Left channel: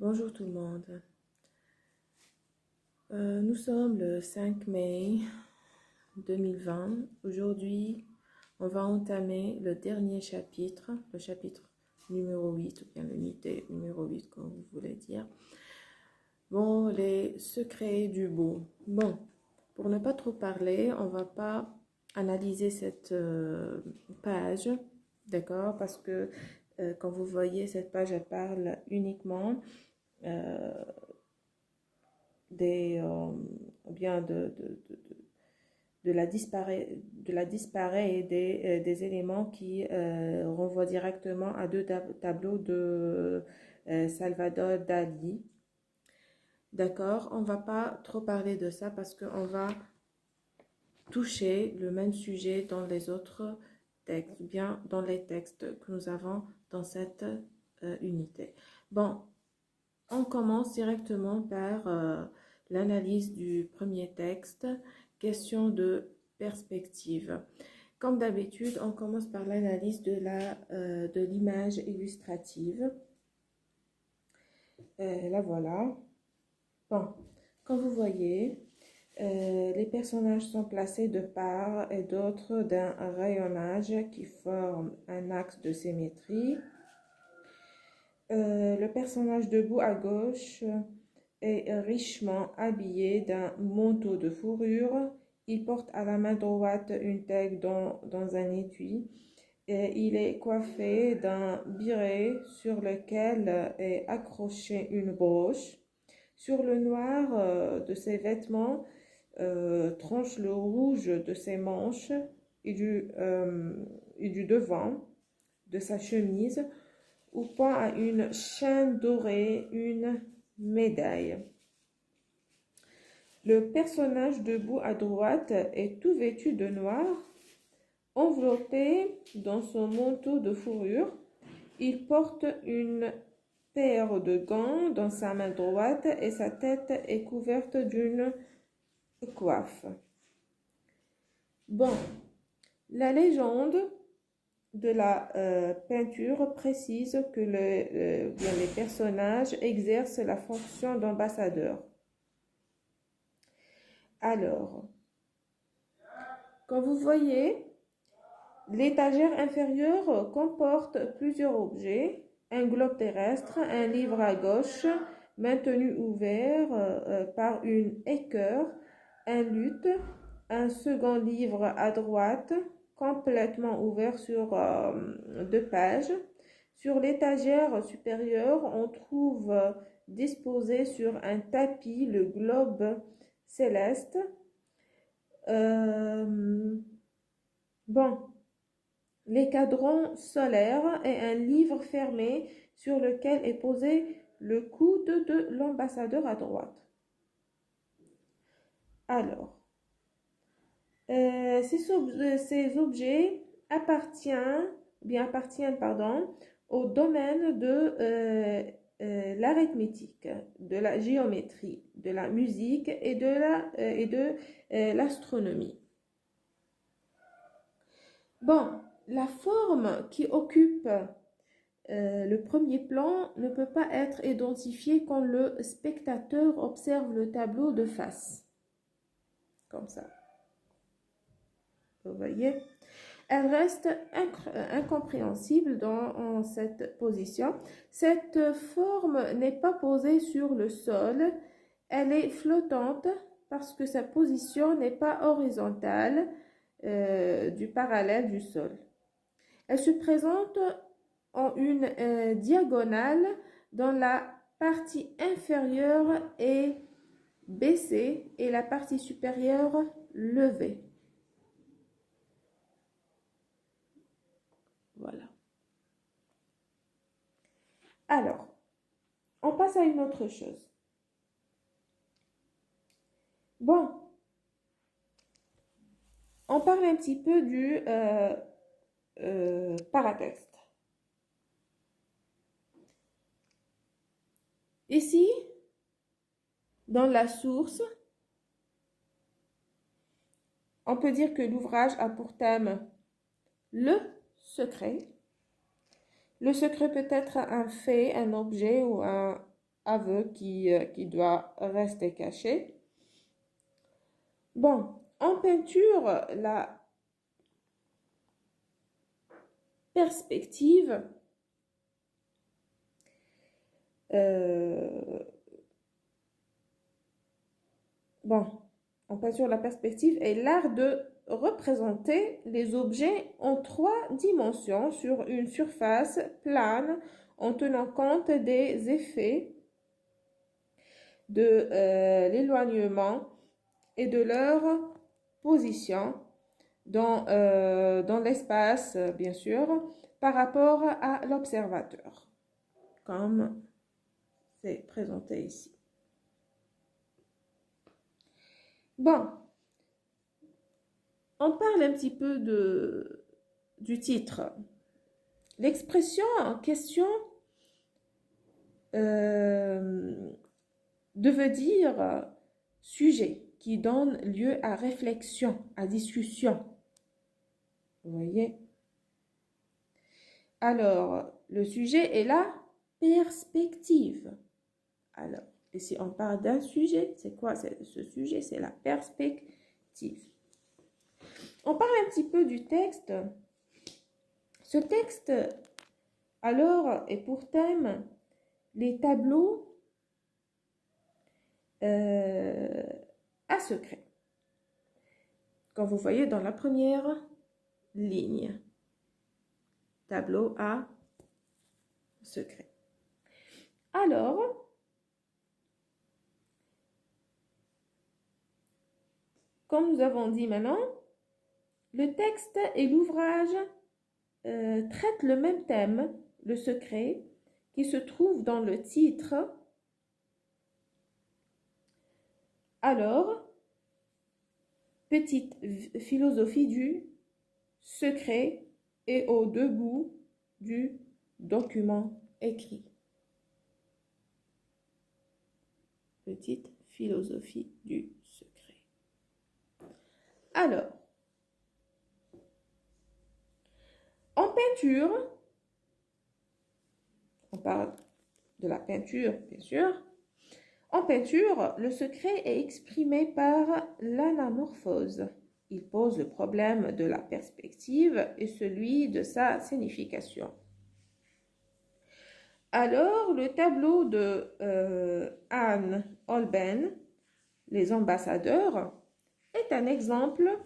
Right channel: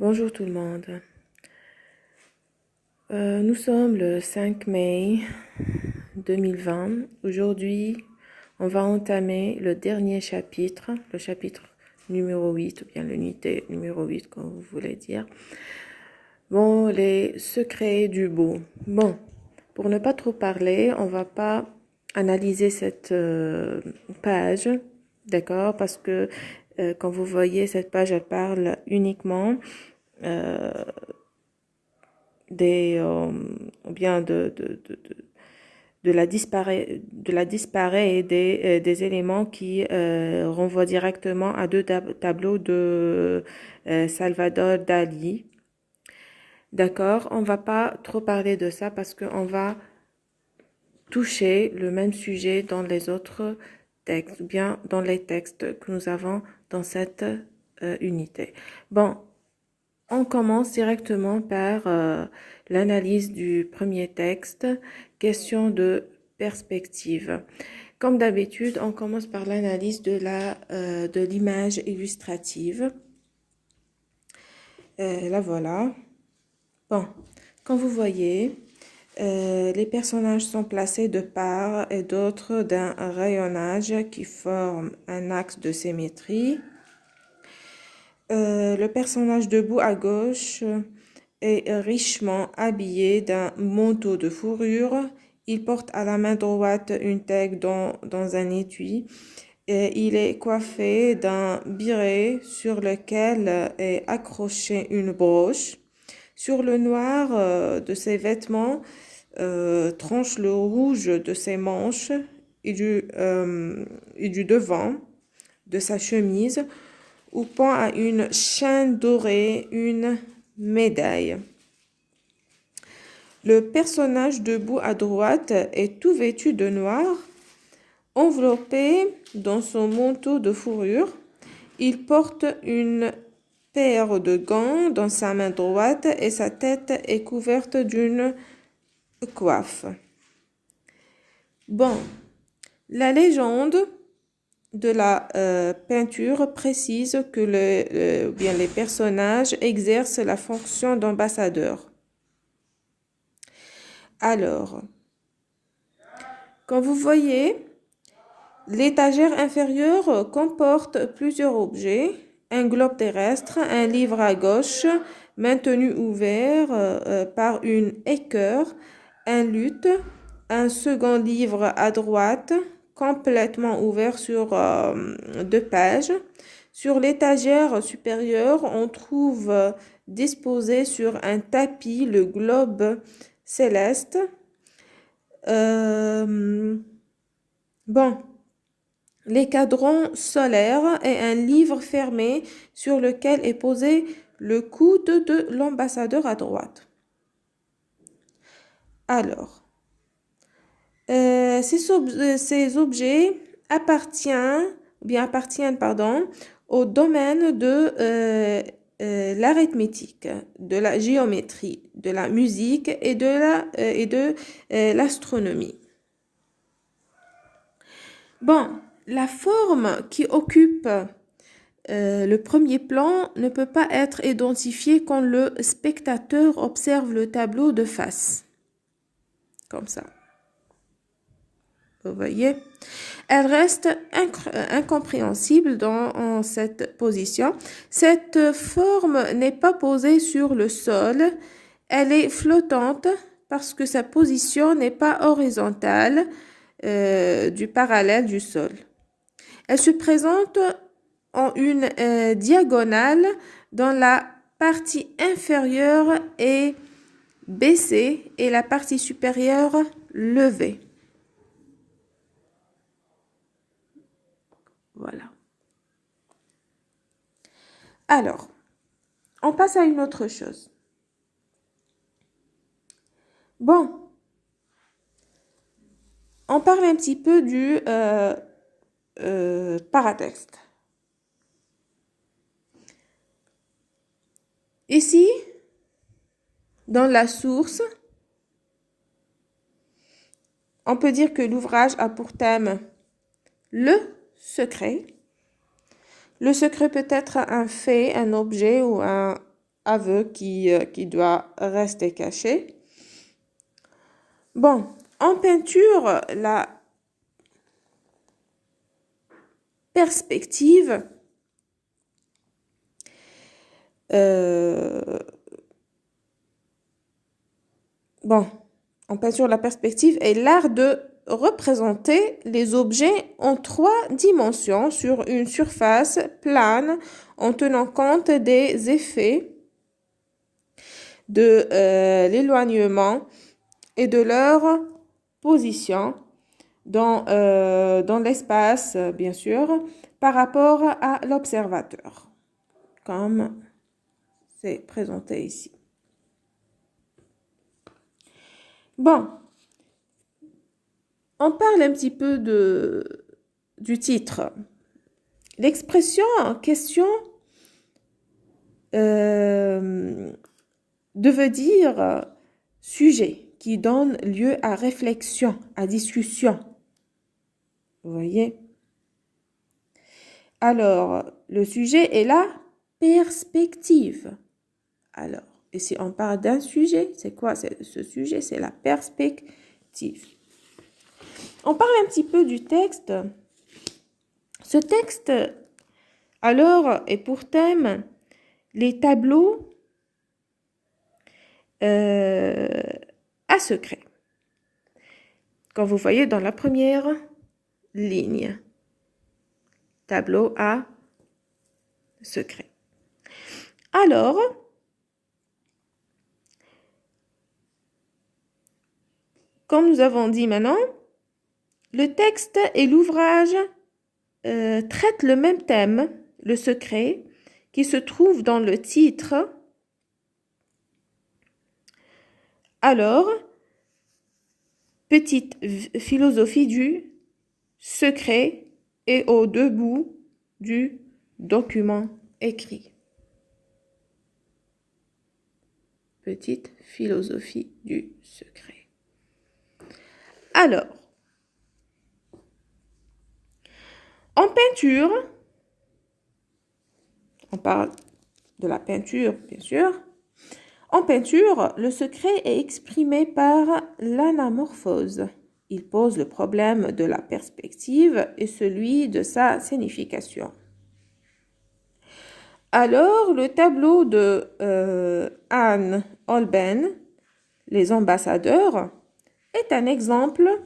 Bonjour tout le monde. Nous sommes le 5 mai 2020. Aujourd'hui, on va entamer le dernier chapitre, le chapitre numéro 8, ou bien l'unité numéro 8, comme vous voulez dire. Bon, les secrets du beau. Bon, pour ne pas trop parler, on va pas analyser cette page, d'accord? Parce que quand vous voyez cette page, elle parle uniquement ou bien de la disparée et des éléments qui renvoient directement à deux tableaux de Salvador Dali. D'accord, on va pas trop parler de ça parce qu'on va toucher le même sujet dans les autres textes, ou bien dans les textes que nous avons dans cette unité. Bon, on commence directement par l'analyse du premier texte, question de perspective. Comme d'habitude, on commence par l'analyse de l'image illustrative. La voilà. Bon, comme vous voyez, les personnages sont placés de part et d'autre d'un rayonnage qui forme un axe de symétrie. Le personnage debout à gauche est richement habillé d'un manteau de fourrure. Il porte à la main droite une tègue dans un étui. Et il est coiffé d'un béret sur lequel est accrochée une broche. Sur le noir de ses vêtements tranche le rouge de ses manches et du devant de sa chemise où pend à une chaîne dorée une médaille. Le personnage debout à droite est tout vêtu de noir, enveloppé dans son manteau de fourrure. Il porte une paire de gants dans sa main droite et sa tête est couverte d'une coiffe. Bon, la légende de la peinture précise que les personnages exercent la fonction d'ambassadeur. Alors, quand vous voyez, l'étagère inférieure comporte plusieurs objets. Un globe terrestre, un livre à gauche, maintenu ouvert par une équerre, un luth, un second livre à droite, complètement ouvert sur deux pages. Sur l'étagère supérieure, on trouve disposé sur un tapis le globe céleste. Bon, les cadrans solaires et un livre fermé sur lequel est posé le coude de l'ambassadeur à droite. Alors, ces objets appartiennent au domaine de l'arithmétique, de la géométrie, de la musique et de l'astronomie. Bon, la forme qui occupe le premier plan ne peut pas être identifiée quand le spectateur observe le tableau de face. Comme ça. Vous voyez? Elle reste incompréhensible en cette position. Cette forme n'est pas posée sur le sol. Elle est flottante parce que sa position n'est pas horizontale du parallèle du sol. Elle se présente en une diagonale dont la partie inférieure est baissée et la partie supérieure levée. Voilà. Alors, on passe à une autre chose. Bon, on parle un petit peu du paratexte. Ici, dans la source, on peut dire que l'ouvrage a pour thème le secret. Le secret peut être un fait, un objet ou un aveu qui doit rester caché. Bon, en peinture, la perspective en peinture, la perspective est l'art de représenter les objets en 3 dimensions sur une surface plane en tenant compte des effets de l'éloignement et de leur position dans l'espace, bien sûr, par rapport à l'observateur, comme c'est présenté ici. Bon, on parle un petit peu du titre. L'expression en question devait dire sujet qui donne lieu à réflexion, à discussion. Vous voyez? Alors, le sujet est la perspective. Alors, et si on parle d'un sujet, c'est quoi ce sujet? C'est la perspective. On parle un petit peu du texte. Ce texte, alors, est pour thème les tableaux à secret. Comme vous voyez dans la première ligne, tableau à secret. Alors, comme nous avons dit maintenant, le texte et l'ouvrage traitent le même thème, le secret, qui se trouve dans le titre. Alors, petite philosophie du secret et aux 2 bouts du document écrit. Petite philosophie du secret. Alors, en peinture, on parle de la peinture, bien sûr. En peinture, le secret est exprimé par l'anamorphose. Il pose le problème de la perspective et celui de sa signification. Alors, le tableau de Anne Holbein, Les ambassadeurs, est un exemple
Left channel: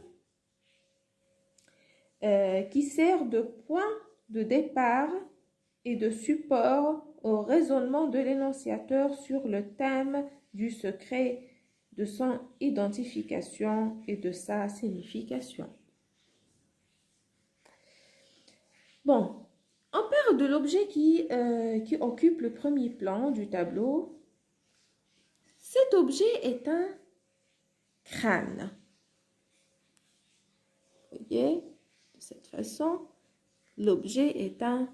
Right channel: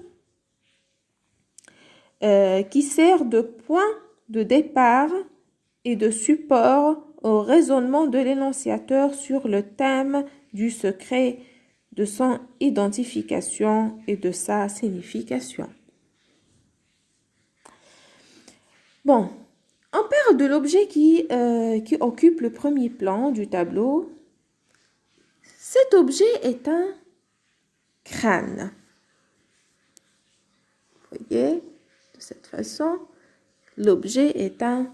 qui sert de point de départ et de support au raisonnement de l'énonciateur sur le thème du secret, de son identification et de sa signification. Bon, on parle de l'objet qui occupe le premier plan du tableau. Cet objet est un crâne. Vous voyez, de cette façon, l'objet est un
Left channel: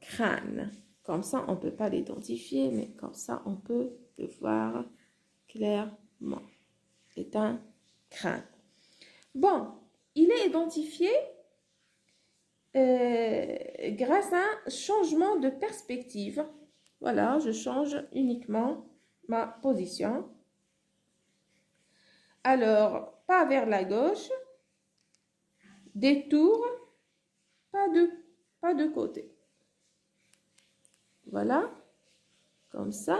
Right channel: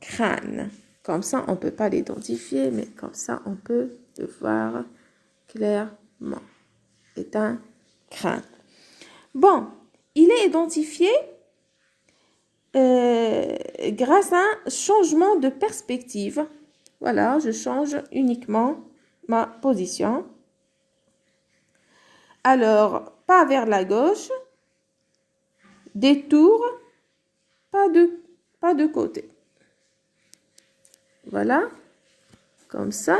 crâne. Comme ça, on ne peut pas l'identifier, mais comme ça, on peut le voir clairement. C'est un crâne. Bon, il est identifié grâce à un changement de perspective. Voilà, je change uniquement ma position. Alors, pas vers la gauche, détour, pas de côté. Voilà, comme ça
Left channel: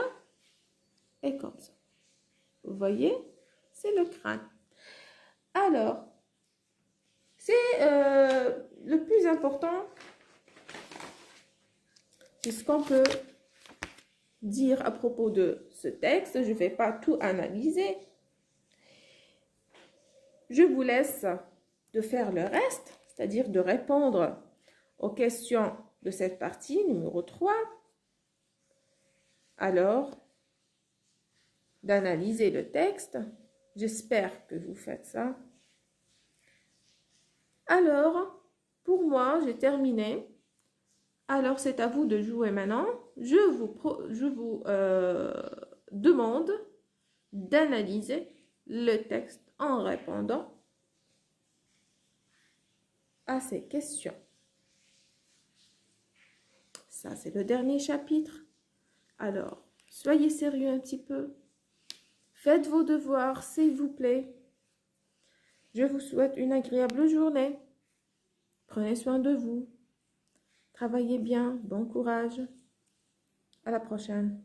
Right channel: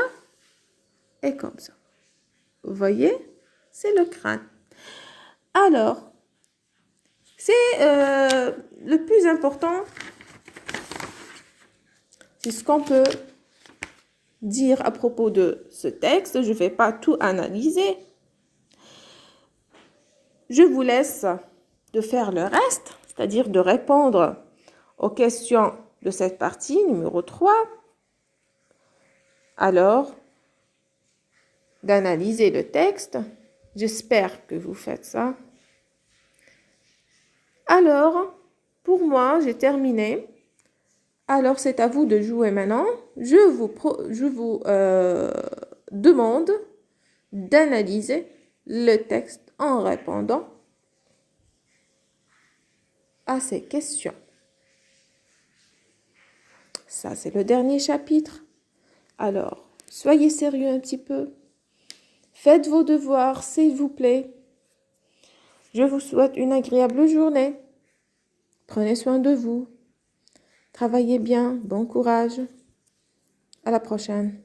et comme ça. Vous voyez, c'est le crâne. Alors, c'est le plus important, c'est ce qu'on peut dire à propos de ce texte. Je ne vais pas tout analyser. Je vous laisse de faire le reste, c'est-à-dire de répondre aux questions de cette partie numéro 3. Alors, d'analyser le texte. J'espère que vous faites ça. Alors, pour moi, j'ai terminé. Alors, c'est à vous de jouer maintenant. Je vous demande d'analyser le texte en répondant à ces questions. Ça, c'est le dernier chapitre. Alors, Soyez sérieux un petit peu. Faites vos devoirs, s'il vous plaît. Je vous souhaite une agréable journée. Prenez soin de vous. Travaillez bien. Bon courage. À la prochaine.